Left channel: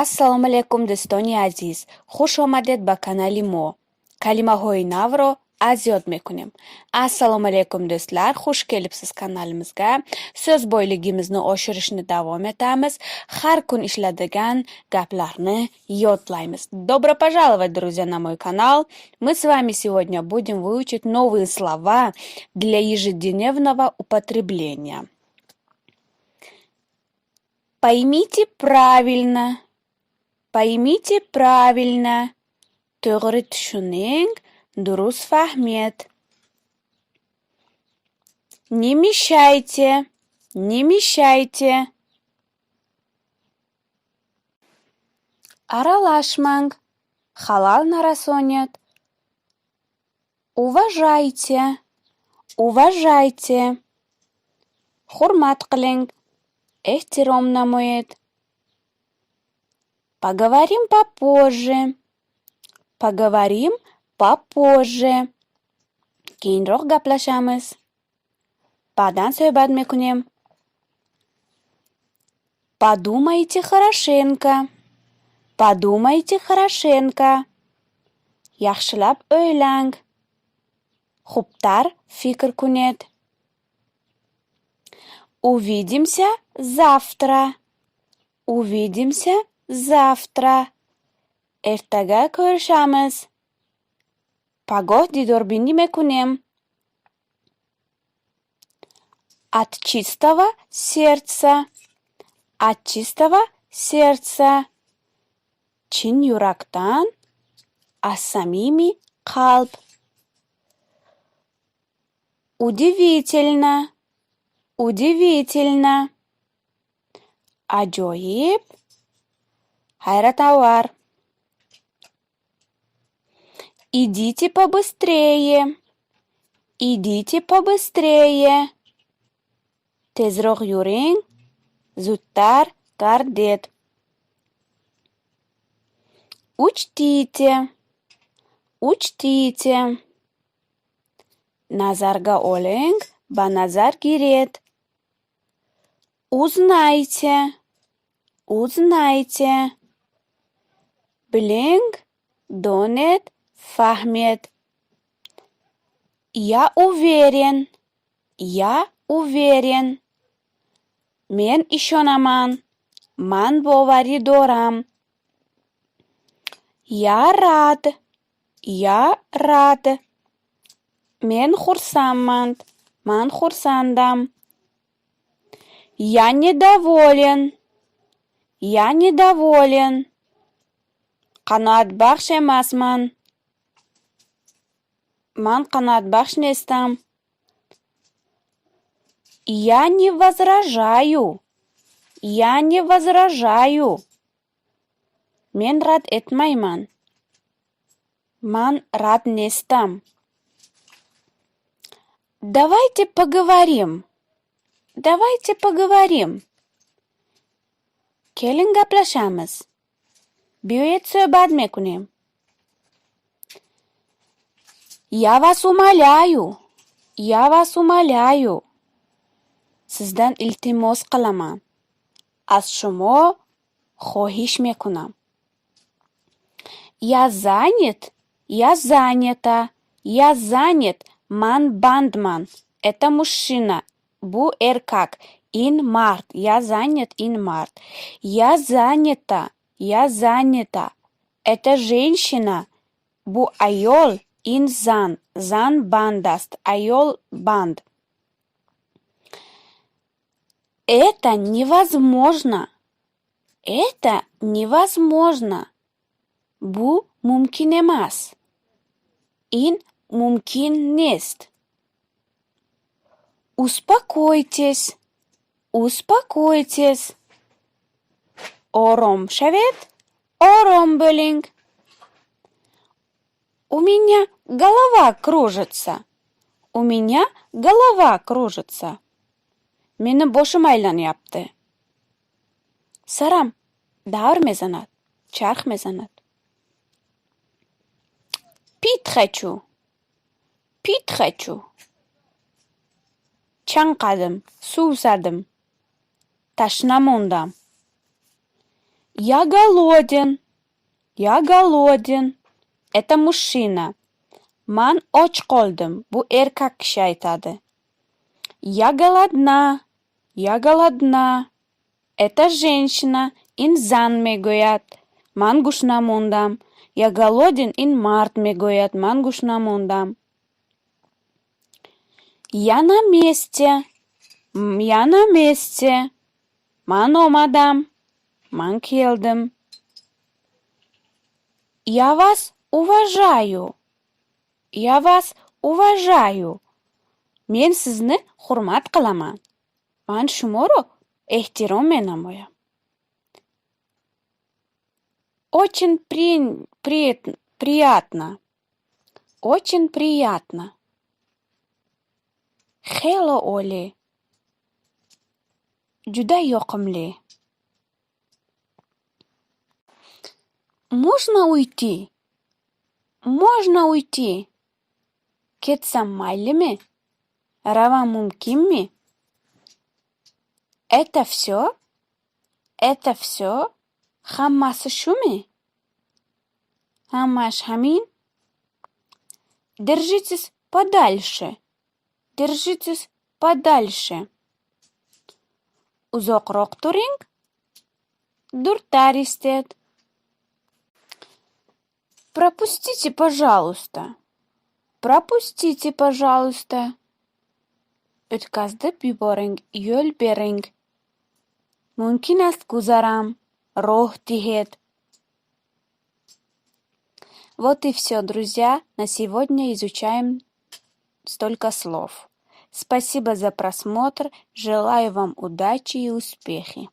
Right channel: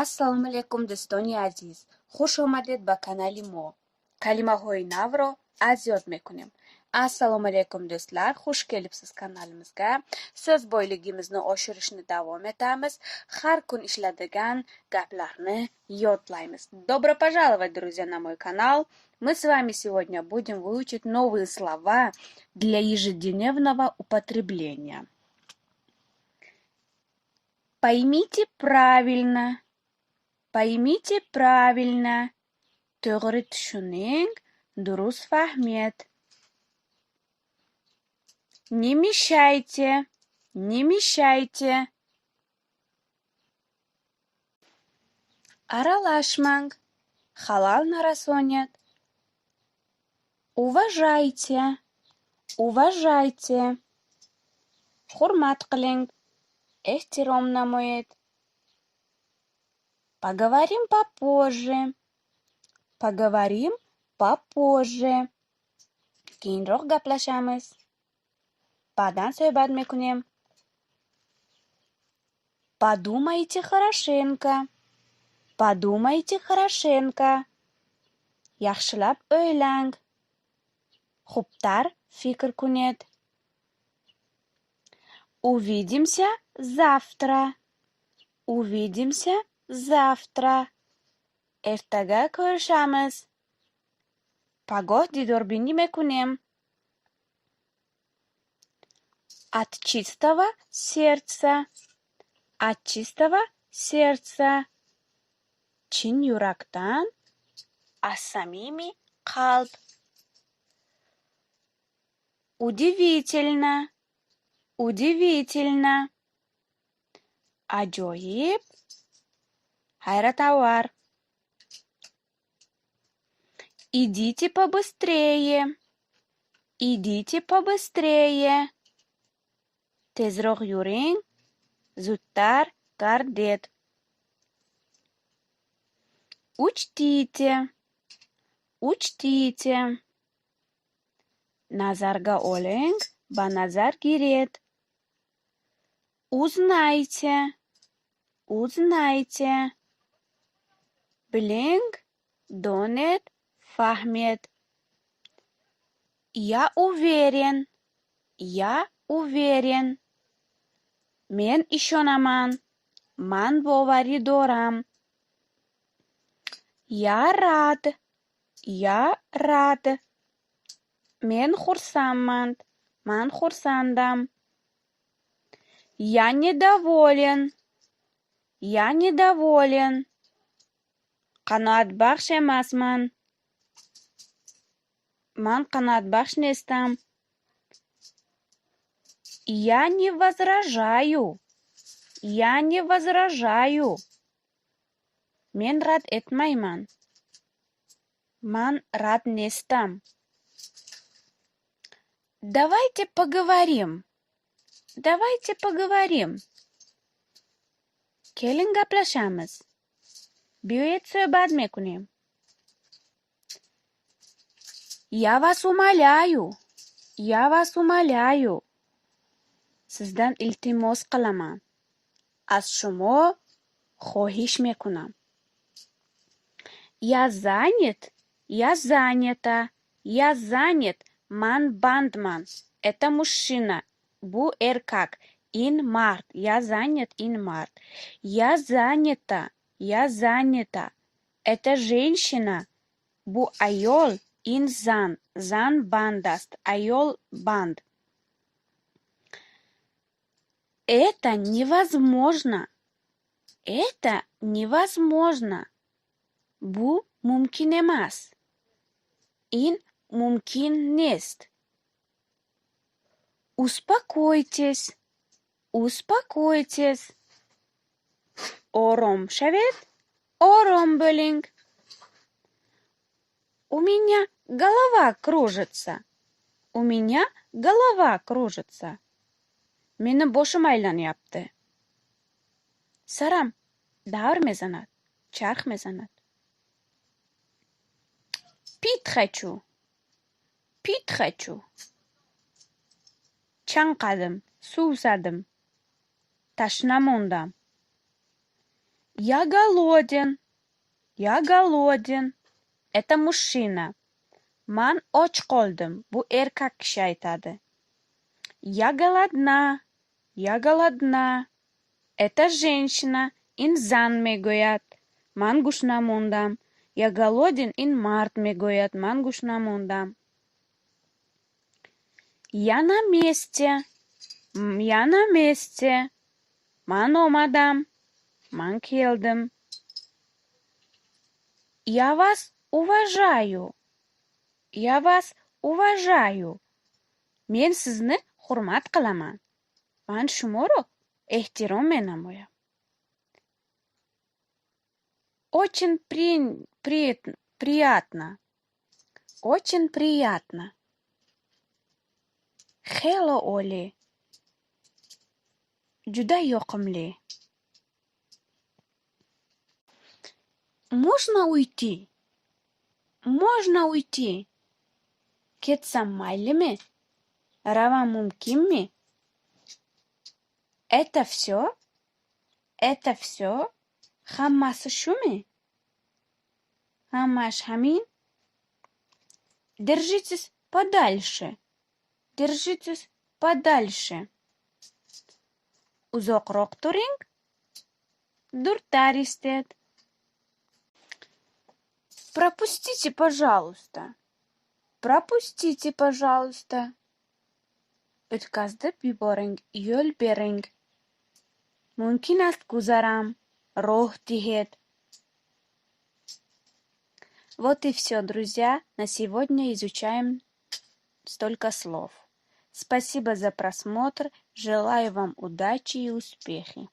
Ассалому алайкум дӯстони азиз. Хуш омадед ба канали мо. Калимаҳои навро аз ёд мекунем. Ассалому алайкум дӯстлар, хуш келибсиз каналимизга. Сөз бойлигimizni oshirishni davom etamiz. Har kun ishladadigan gaplarni yodlaymiz. Добро пожаловать, друзья, на мой канал. Мы с вами сегодня будем выучить новые слова для ежедневного употребления. Поймите правильно. Поймите правильно. To'g'ri tushuning, durust fahmiyet. Не мешайте, не мешайте. Аралашмang, халал нарасонят. Уважайте, уважайте. Hurmat qiling, ehtirom namoyed. Поговорим попозже. Поговорим попозже. Keyinroq gaplashamiz. Ba'dan suhbat mekunем. Подумайте хорошенько. Подумайте хорошенько. Yaxshilab o'ylang. Xubtar fikr kuned. Увидимся завтра. Увидимся завтра. Ertaga ko'rishamiz. Pagoh didorbini mekunем. От чистого сердца. От чистого сердца. Chin yurakdan. As samimiy qalb. Удивительно. Удивительно. Ajoyib. Hayratavor. Идите побыстрее. Идите побыстрее. Tezroq yuring. Zudtar garded. Учтите. Учтите. Nazarga oling, banazar giret. Узнайте. Узнайте. Biling, doned, fahmed. Я уверен. Я уверен. Men ishonaman. Man bovari doram. Я рад. Я рад. Men xursandman. Man xursandam. Я недоволен. Я недоволен. Qanoatbaxsh emasman. Man qanoatbaxsh nestam. Я не возражаю. Я не возражаю. Men rad etmayman. Man rad nestam. Давайте поговорим. Давайте поговорим. Keling gaplashamiz. Buyurib suhbat mekunем. Я вас умоляю. Я вас умоляю. Sizdan iltimos qilaman. Az shumo xohish mekunam. Я занят. Я занята. Я занят. Man bandman. Это мужчина. Bu erkak. In mart. Я занят in mart. Я занята. Я занята. Это женщина. Bu ayol. In zan. Zan bandast. Ayol band. Это невозможно. Это невозможно. Bu mumkin emas. In mumkin nest. Успокойтесь. Успокойтесь. Orom shaved. Orom bo'ling. У меня голова кружится. У меня голова кружится. Meni boshim aylanyapti. Saram davr mezanat. Charx mezanat. Pit хочу. Pit хочу. Chanqadim, suvsadim. Tashnamondan. Я голоден. Я голоден. Это мужчина. Ман och qoldim. Bu erkak kishi aytadi. Я голодна. Я голодна. Это женщина. Inzan megӯяд. Ман гӯшна мондам. Я голоден. In мард megӯяд. Ман гӯшна мондам. Я на месте. Я на месте. Ман омадам. Ман келдим. Я вас уважаю. Я вас уважаю. Men sizni hurmat qilaman. Man shumoro ehtirom menamoyam. Очень приятно. Очень приятно. Xelo oli. Juda yoqimli. Можно уйти? Можно уйти? Ketsam maylimi? Ravam mumkinmi? Это все? Это все? Hammasi shumi? Hammash hamin? Держитесь подальше. Держитесь подальше. Uzoqroq turing. Durtar istet. Пропустите, пожалуйста. Пропустите, пожалуйста. O'tkazib yuboring, yo'l bering. Mumkin ast guzaram, roh dihet. Вот и все, друзья. На сегодня изучаем столько слов. Спасибо за просмотр. Желаю вам удачи и успехи.